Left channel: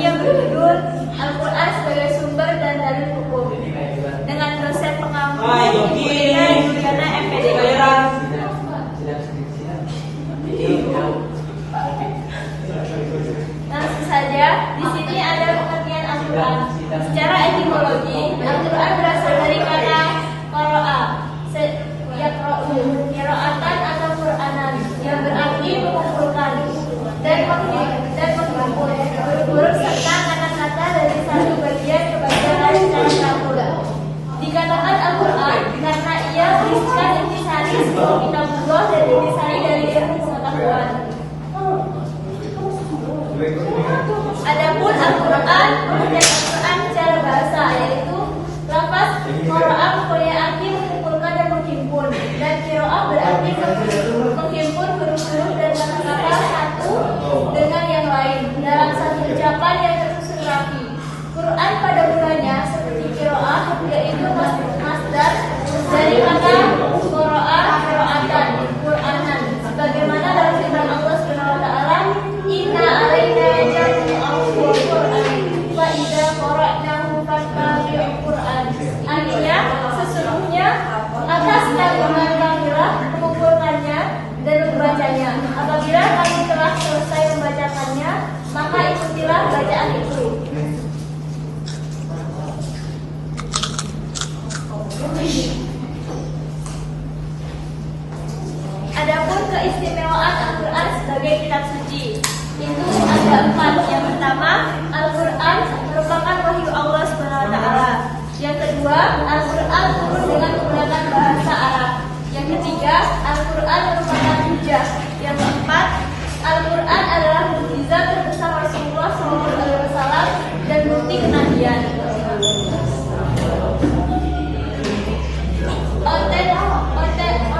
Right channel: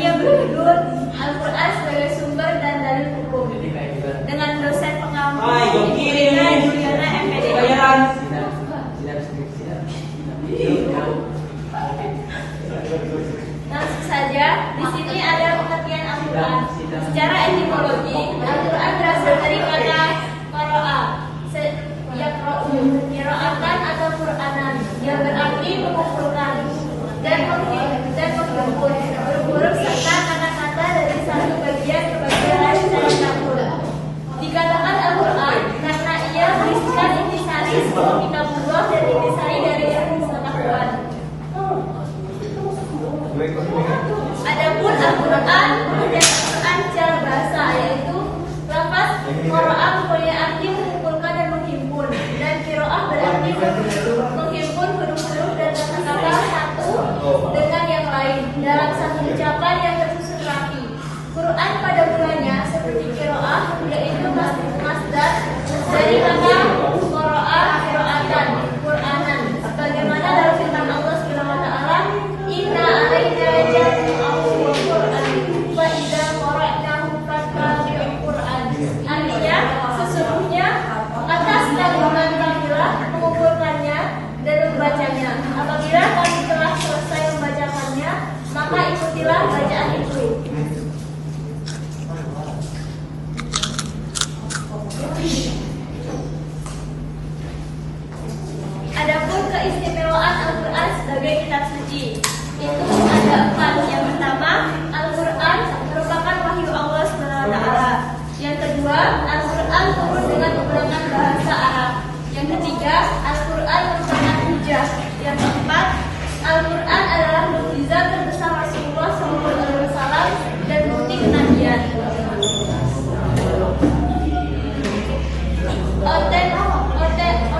yang berjudul Al-Quran sebagai sumber dan dalil hukum dengan dosen pengampu Juliana MPD. Langsung saja, di sini ada pengertian Al-Quran. Secara etimologi, Al-Quran berasal dari kata qara'a, yaqra'u, qira'atan atau Qur'anan, yang berarti mengumpulkan dan menghimpun huruf-huruf serta kata-kata dari satu bagian ke bagian lain secara campur. Dikatakan Al-Quran karena ia berisikan intisari kitabullah dan intisari dari ilmu pengetahuan. Adapun Al-Quran kemudian Al-Quran secara bahasa, yaitu lafaz qara'a mempunyai arti mengumpulkan dan menghimpun, dan qira'ah berarti menghimpun huruf-huruf dan kata-kata satu dengan yang lain dalam satu ucapan yang tersusun rapi. Quran pada mulanya seperti qira'ah, yaitu masdar dari kata qara'a qira'atan, Qur'anan, sebagaimana dalam firman Allah Subhanahu wa taala, inna alaina jam'ahu Qur'an fa idza qara'nahu fattabi'il Qur'an. Artinya, sesungguhnya atas tanggungan kamilah mengumpulkannya dan membacanya. Apabila kami telah selesai membacakannya, maka ikutilah bacaan itu. Adapun keistimewaan Al-Quran sebagai kitab suci itu ada 4. Yang pertama, Al-Quran merupakan wahyu Allah SWT. Yang kedua, Al-Quran turun dengan menggunakan bahasa Arab. Yang ketiga, Al-Quran merupakan hujjah. Yang keempat, Al-Quran adalah mukjizat terbesar Rasulullah SAW dan bukti kenabian.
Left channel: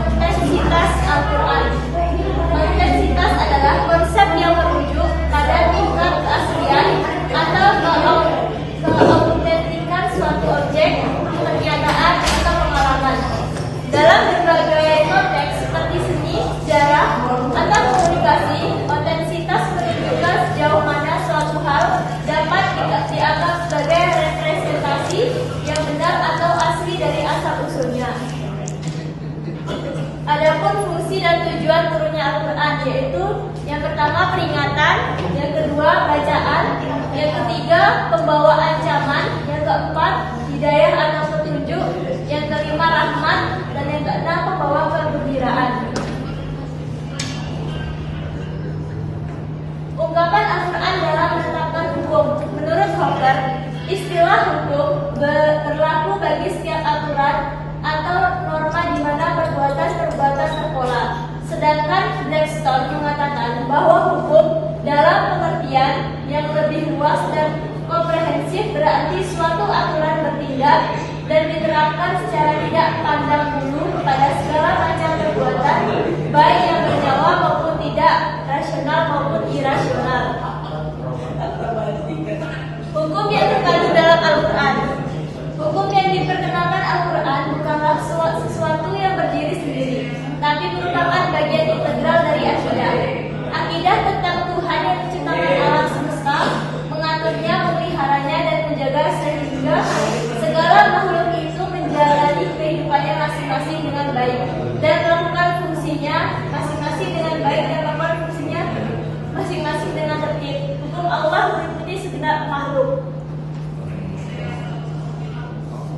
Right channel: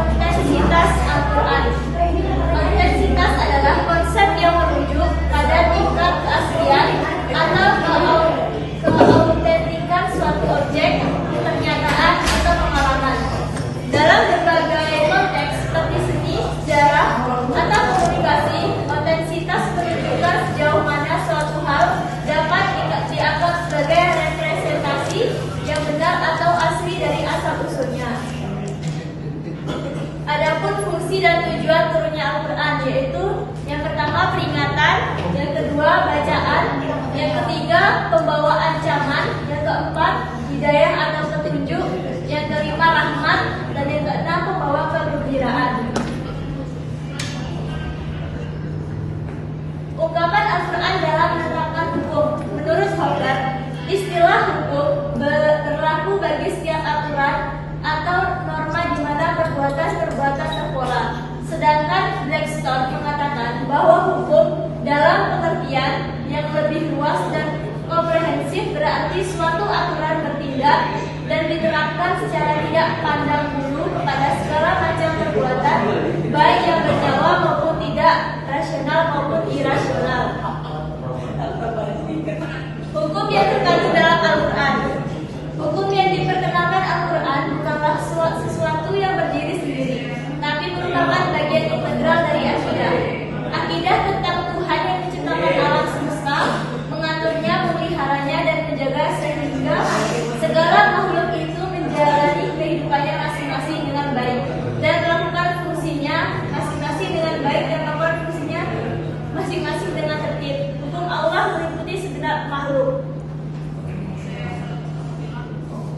Otentisitas Al-Quran. Otentisitas adalah konsep yang merujuk pada tingkat keaslian atau keautentikan suatu objek, pernyataan atau pengalaman. Dalam berbagai konteks seperti seni, sejarah, atau komunikasi, otentisitas menunjukkan sejauh mana suatu hal dapat dianggap sebagai representasi yang benar atau asli dari asal-usulnya. Adapun fungsi dan tujuan turunnya Al-Quran, yaitu yang pertama peringatan, yang kedua bacaan, yang ketiga pembawa ancaman, yang keempat hidayah atau petunjuk, yang kelima rahmat, dan yang keenam pembawa kegembiraan. Ungkapan Al-Quran dalam menetapkan hukum. Menurut Hawker, istilah hukum berlaku bagi setiap aturan atau norma di mana perbuatan terpola. Sedangkan Blackstone mengatakan bahwa hukum dalam pengertian yang lebih luas dan komprehensif berarti suatu aturan bertindak dan diterapkan secara tidak pandang bulu kepada segala macam perbuatan, baik yang bernyawa maupun tidak, rasional maupun irasional. Hukum yang terkandung dalam Al-Quran. Hukum yang diperkenalkan Al-Quran bukanlah sesuatu yang berdiri sendiri, tapi merupakan bagian integral dari akidah. Akidah tentang Tuhan yang menciptakan alam semesta, mengaturnya, memeliharanya, dan menjaga sehingga segala makhluk itu menjalani kehidupannya masing-masing dengan baik dan melakukan fungsinya masing-masing dengan baik dan melakukan fungsinya masing-masing dengan tertib. Hukum Allah meliputi segenap makhluk.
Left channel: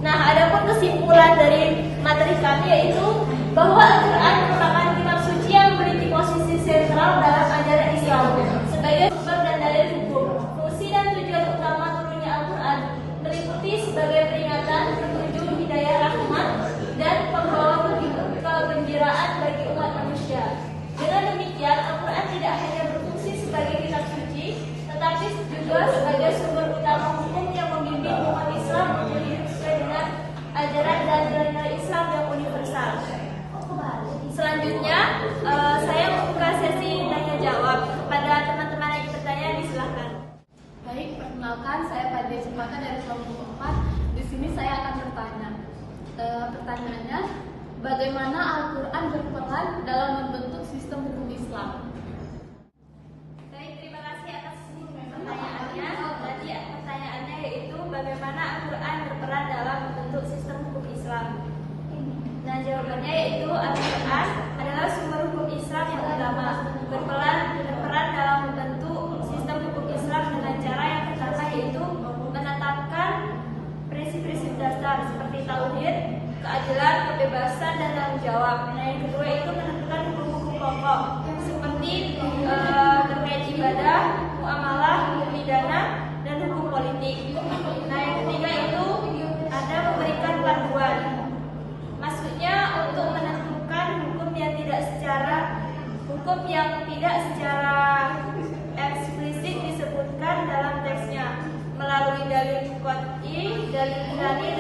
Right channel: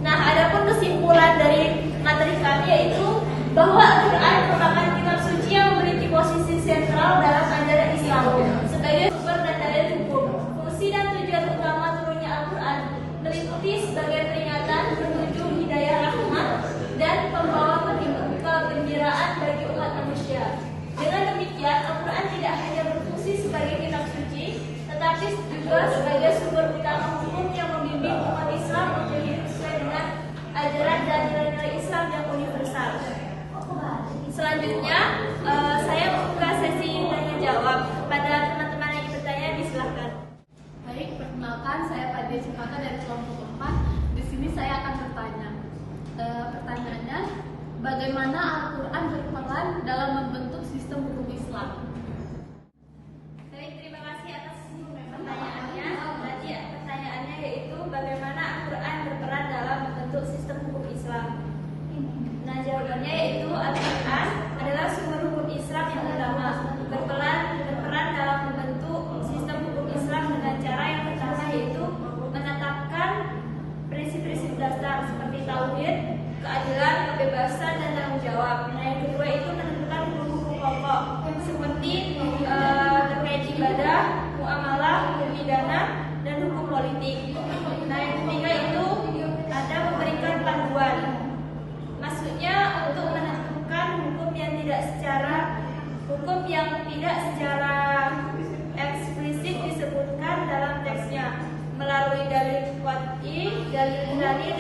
Nah, adapun kesimpulan dari materi kami yaitu bahwa Al-Quran merupakan kitab suci yang memiliki posisi sentral dalam ajaran Islam sebagai sumber dan dalil hukum. Fungsi dan tujuan utama turunnya Al-Quran meliputi sebagai peringatan, petunjuk, hidayah, rahmat, dan pembawa kegembiraan bagi umat manusia. Dengan demikian, Al-Quran tidak hanya berfungsi sebagai kitab suci, tetapi juga sebagai sumber utama hukum yang membimbing umat Islam untuk hidup sesuai dengan ajaran dan nilai Islam yang universal. Selanjutnya, saya membuka sesi tanya jawab. Pada teman-teman yang bertanya, disilahkan. Baik, perkenalkan saya Fadia Cempaka dari kelompok 4. Di sini saya akan bertanya. Pertanyaannya, bagaimana Al-Quran berperan dalam membentuk sistem hukum Islam? Baik, terima kasih atas pertanyaannya. kebebasan dan tanggung jawab. Nah, yang kedua itu menentukan hukum-hukum pokok seperti terkait ibadah, muamalah, hukum pidana, dan hukum politik. Nah, yang ketiga itu ada memberikan panduan. Maksudnya untuk menentukan hukum yang tidak secara eksplisit disebutkan dalam teksnya melalui dalil qat'i, dalil ilahi,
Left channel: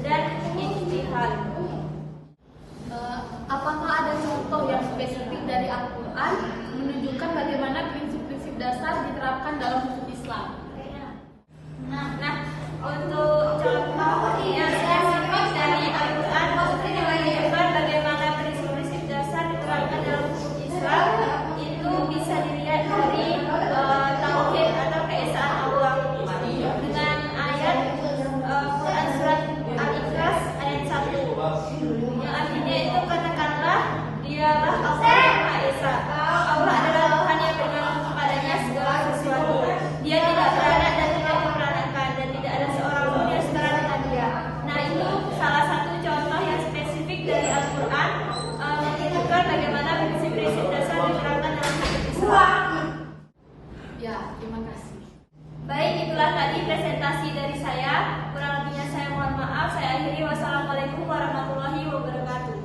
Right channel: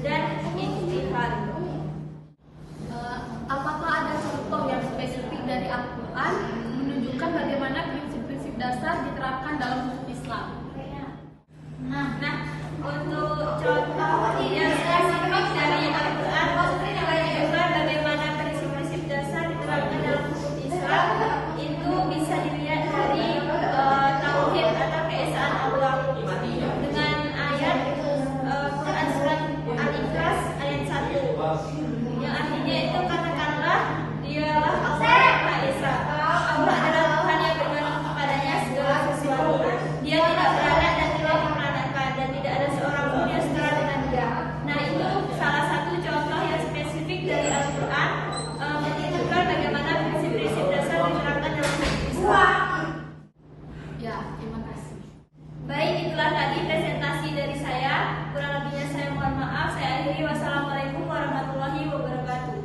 dan ijtihad. Apakah ada contoh yang spesifik dari Al-Quran menunjukkan bagaimana prinsip-prinsip dasar diterapkan dalam hukum Islam? Nah, untuk contoh yang spesifik dari Al-Quran menunjukkan bagaimana prinsip-prinsip dasar diterapkan dalam hukum Islam itu bisa dilihat dari tauhid atau keesaan Allah dengan ayat Quran surat Al-Ikhlas ayat 1 yang artinya itu katakanlah dialah Allah Maha Esa. Allah adalah Tuhan yang bergantung kepadanya segala sesuatu. Dia tidak beranak dan tidak memperanakan dan tidak ada seorang pun yang setara dengan Dia. Nah, itu salah satu contoh yang spesifik dari Al-Quran menunjukkan bagaimana prinsip-prinsip dasar diterapkan dalam hukum Islam. Ya, terima kasih. Baik, itulah tadi presentasi dari saya. Kurang lebihnya saya mohon maaf. Saya akhiri. Wassalamualaikum warahmatullahi wabarakatuh.